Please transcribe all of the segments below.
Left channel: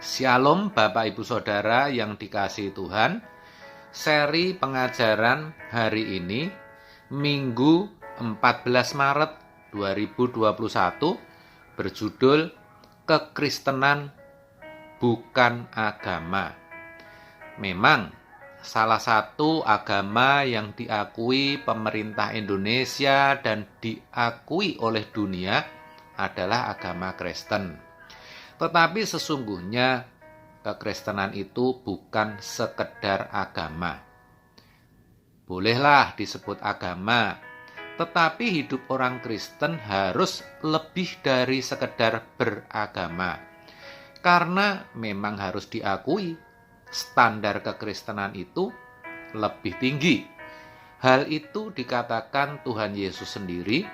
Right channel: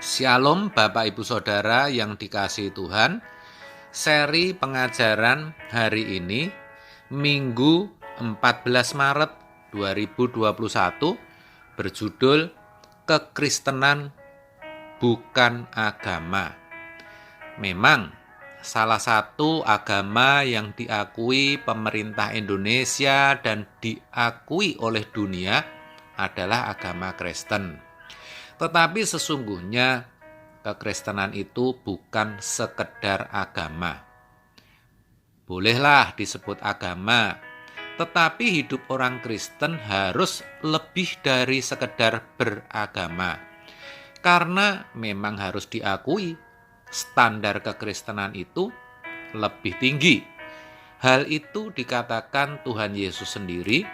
Shalom Bapak Ibu Saudara yang dikasihi Tuhan. Seri pengajaran hari ini Minggu 14 Maret 2021 berjudul Kekristenan bukan agama. Memang salah satu agama yang diakui pemerintah Indonesia dan diakui oleh dunia adalah agama Kristen. Tetapi sesungguhnya kekristenan itu bukan sekedar agama. Bolehlah disebut agama, tetapi hidup orang Kristen harus lebih dari sekedar beragama. Karena memang harus diakui, standar kekristenan itu lebih tinggi. Hal itu dikatakan Tuhan Yesus sendiri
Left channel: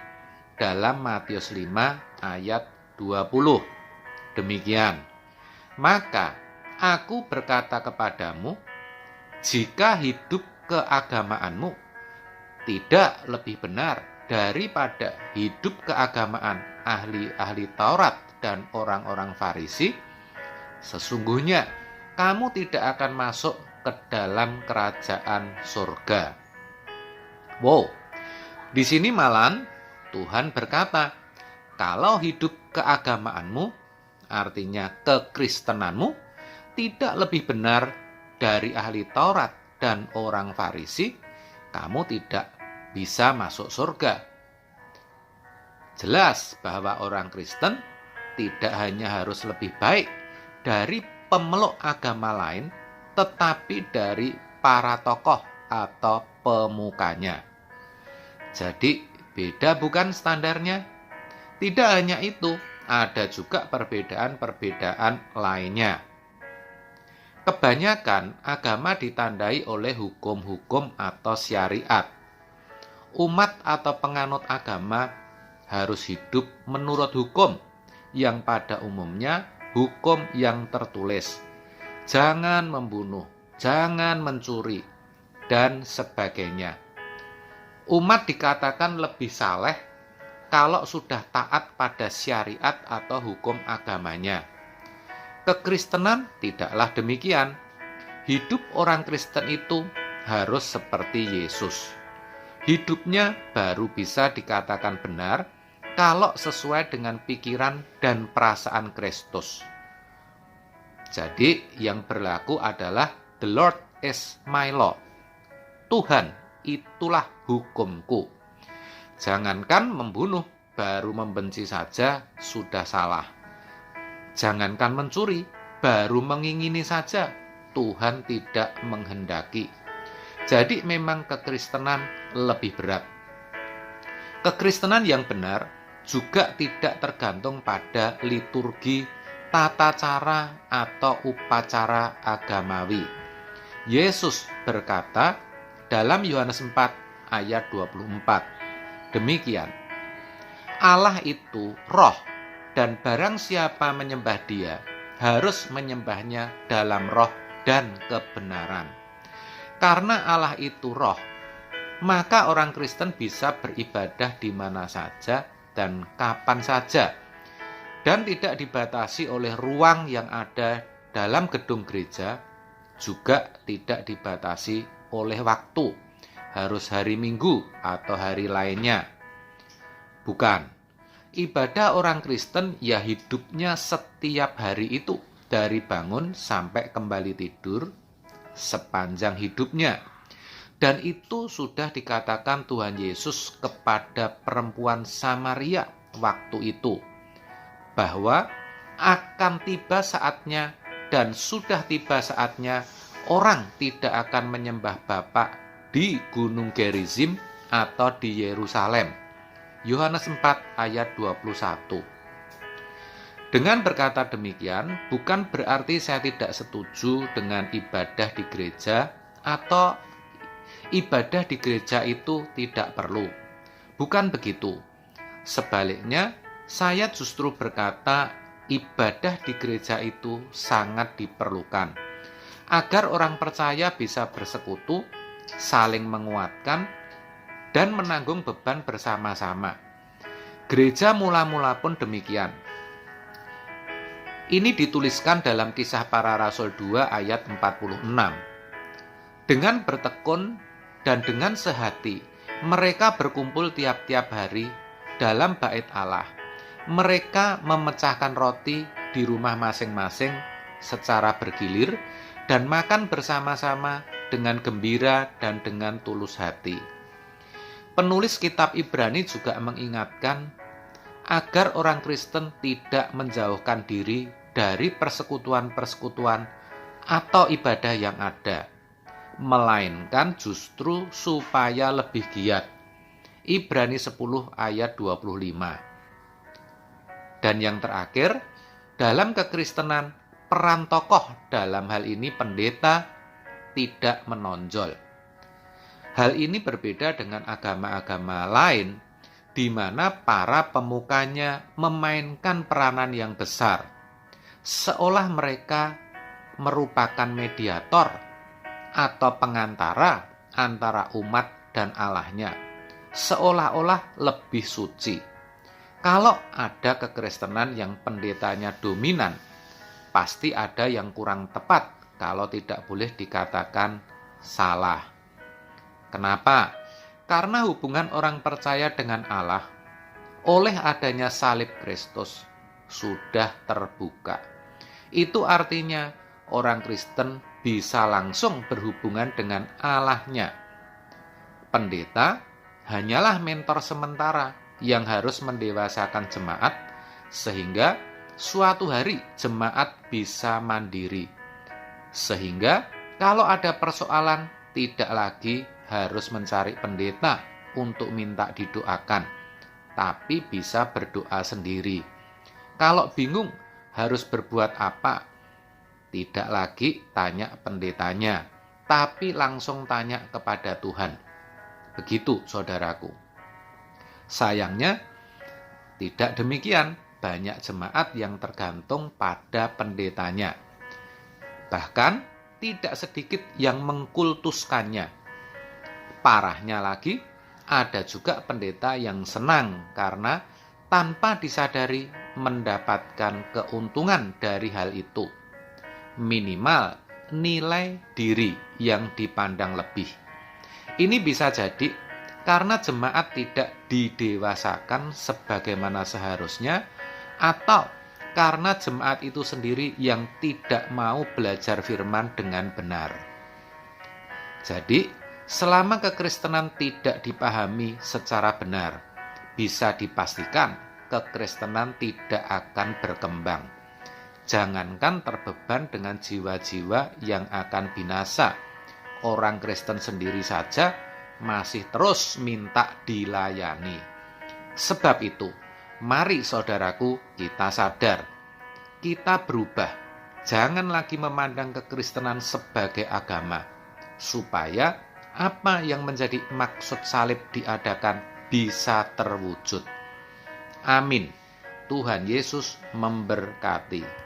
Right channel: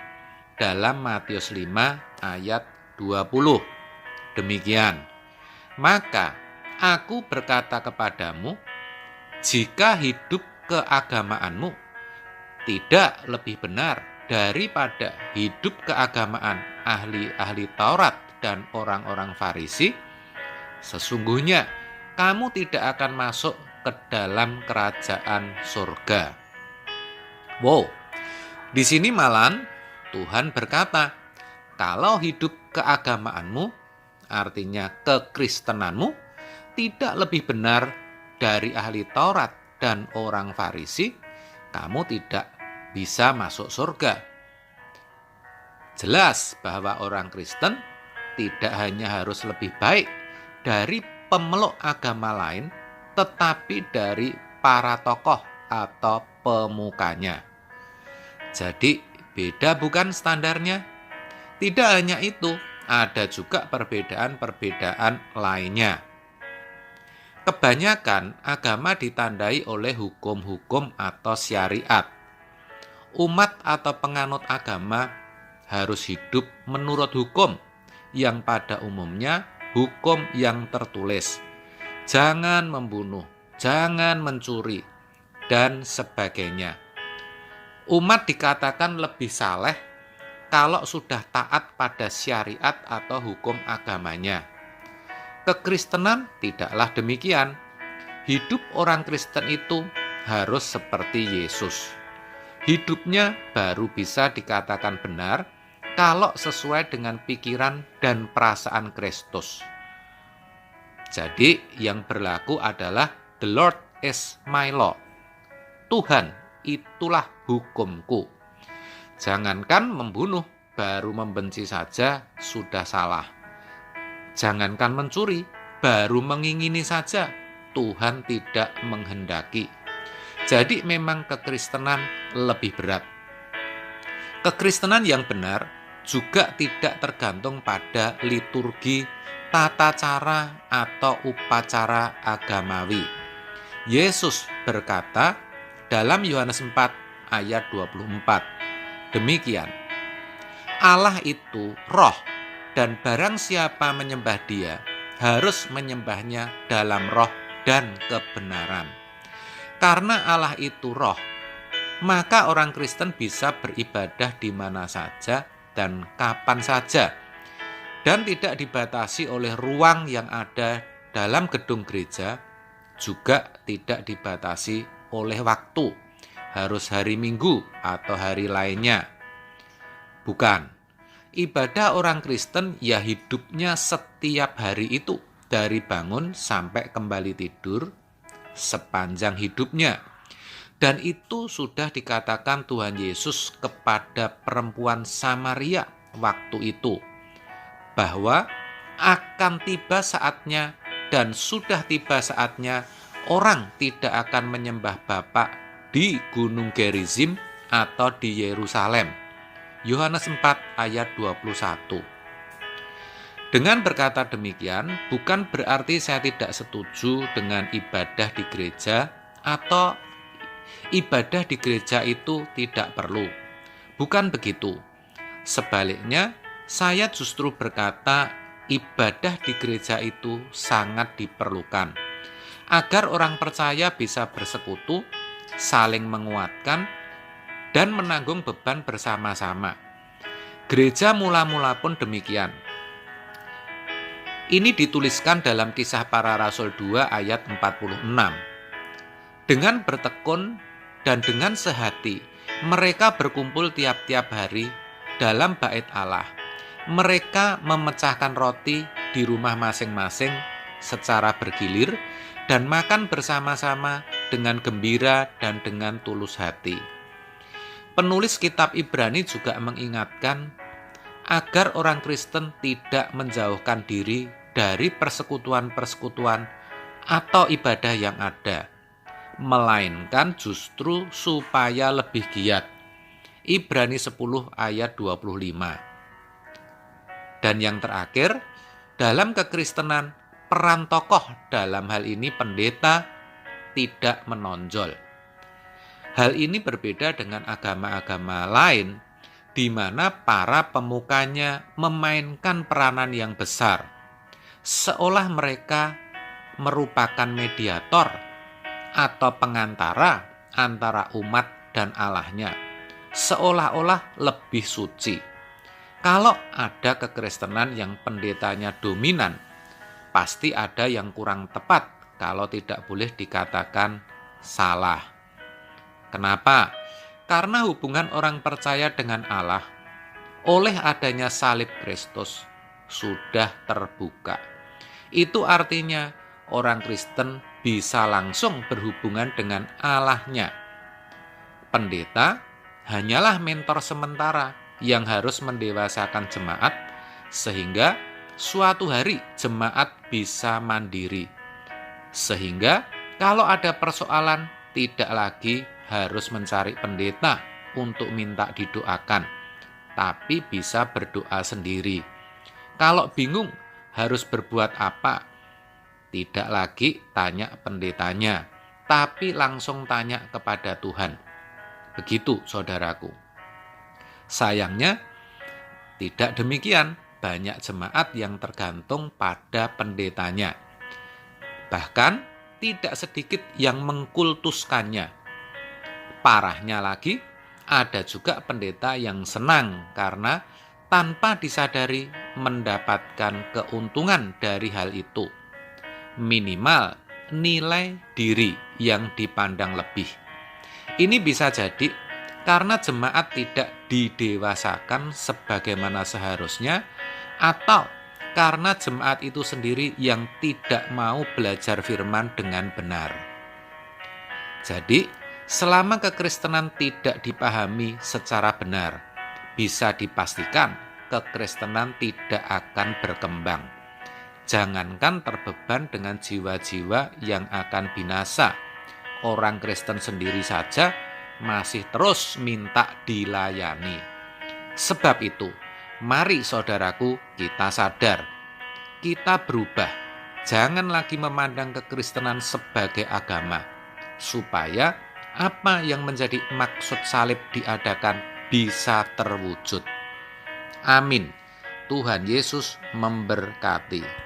dalam Matius 5 ayat 20. Demikian, maka aku berkata kepadamu, jika hidup keagamaanmu tidak lebih benar daripada hidup keagamaan ahli-ahli Taurat dan orang-orang Farisi, sesungguhnya kamu tidak akan masuk ke dalam kerajaan surga. Wow, di sini malah Tuhan berkata, kalau hidup keagamaanmu, artinya kekristenanmu, tidak lebih benar dari ahli Taurat dan orang Farisi, kamu tidak bisa masuk surga. Jelas bahwa orang Kristen tidak hanya harus lebih baik dari pemeluk agama lain, tetapi dari para tokoh atau pemukanya. Jadi beda bukan standarnya? Tidak hanya itu, ada juga perbedaan-perbedaan lainnya. Kebanyakan agama ditandai oleh hukum-hukum atau syariat. Umat atau penganut agama harus hidup menurut hukum yang pada umumnya hukum yang tertulis. Jangan membunuh, jangan mencuri, dan sebagainya. Umat dikatakan lebih saleh kalau sudah taat pada syariat atau hukum agamanya. Kekristenan tidaklah demikian. Hidup orang Kristen itu harus seperti Yesus. Hidupnya baru bisa dikatakan benar kalau sesuai dengan pikiran dan perasaan Kristus. Jadi yang berlaku adalah the Lord is my law. Tuhan itulah hukumku. Jangankan membunuh, baru membenci saja sudah salah. Jangankan mencuri, baru mengingini saja Tuhan tidak menghendaki. Jadi memang kekristenan lebih berat. Kekristenan yang benar juga tidak tergantung pada liturgi, tata cara, atau upacara agamawi. Yesus berkata dalam Yohanes 4 ayat 24, demikian, Allah itu roh, dan barang siapa menyembah Dia harus menyembahnya dalam roh dan kebenaran. Karena Allah itu roh, maka orang Kristen bisa beribadah di mana saja dan kapan saja, dan tidak dibatasi oleh ruang yang ada dalam gedung gereja, juga tidak dibatasi oleh waktu, harus hari Minggu atau hari lainnya. Bukan, ibadah orang Kristen ya hidupnya setiap hari itu, dari bangun sampai kembali tidur, sepanjang hidupnya. Dan itu sudah dikatakan Tuhan Yesus kepada perempuan Samaria waktu itu, bahwa akan tiba saatnya dan sudah tiba saatnya orang tidak akan menyembah Bapa di Gunung Gerizim atau di Yerusalem. Yohanes 4 ayat 21. Dengan berkata demikian, bukan berarti saya tidak setuju dengan ibadah di gereja atau ibadah di gereja itu tidak perlu. Bukan begitu. Sebaliknya, saya justru berkata ibadah di gereja itu sangat diperlukan, agar orang percaya bisa bersekutu, saling menguatkan, dan menanggung beban bersama-sama. Gereja mula-mula pun demikian. Ini dituliskan dalam Kisah Para Rasul 2 ayat 46. Dengan bertekun dan dengan sehati, mereka berkumpul tiap-tiap hari dalam bait Allah. Mereka memecahkan roti di rumah masing-masing secara bergilir dan makan bersama-sama dengan gembira dan dengan tulus hati. Penulis kitab Ibrani juga mengingatkan agar orang Kristen tidak menjauhkan diri dari persekutuan-persekutuan atau ibadah yang ada, melainkan justru supaya lebih giat. Ibrani 10 ayat 25. Dan yang terakhir, dalam kekristenan, peran tokoh dalam hal ini pendeta tidak menonjol. Hal ini berbeda dengan agama-agama lain, di mana para pemukanya memainkan peranan yang besar, seolah mereka merupakan mediator atau pengantara antara umat dan Allahnya, seolah-olah lebih suci. Kalau ada kekristenan yang pendetanya dominan, pasti ada yang kurang tepat, kalau tidak boleh dikatakan salah. Kenapa? Karena hubungan orang percaya dengan Allah oleh adanya salib Kristus sudah terbuka. Itu artinya orang Kristen bisa langsung berhubungan dengan Allahnya. Pendeta hanyalah mentor sementara yang harus mendewasakan jemaat sehingga suatu hari jemaat bisa mandiri. Sehingga kalau ada persoalan tidak lagi harus mencari pendeta untuk minta didoakan, tapi bisa berdoa sendiri. Kalau bingung harus berbuat apa, tidak lagi tanya pendetanya, tapi langsung tanya kepada Tuhan. Begitu saudaraku. Sayangnya tidak demikian, banyak jemaat yang tergantung pada pendetanya. Bahkan tidak sedikit yang mengkultuskannya. Parahnya lagi, ada juga pendeta yang senang karena tanpa disadari mendapatkan keuntungan dari hal itu. Minimal nilai diri yang dipandang lebih. Ini bisa jadi karena jemaat tidak didewasakan sebagaimana seharusnya, atau karena jemaat itu sendiri yang tidak mau belajar firman dengan benar. Jadi, selama kekristenan tidak dipahami secara benar, bisa dipastikan kekristenan tidak akan berkembang. Jangankan terbeban dengan jiwa-jiwa yang akan binasa, orang Kristen sendiri saja masih terus minta dilayani. Sebab itu, mari saudaraku kita sadar, kita berubah. Jangan lagi memandang kekristenan sebagai agama, supaya apa yang menjadi maksud salib diadakan bisa terwujud. Amin. Tuhan Yesus memberkati.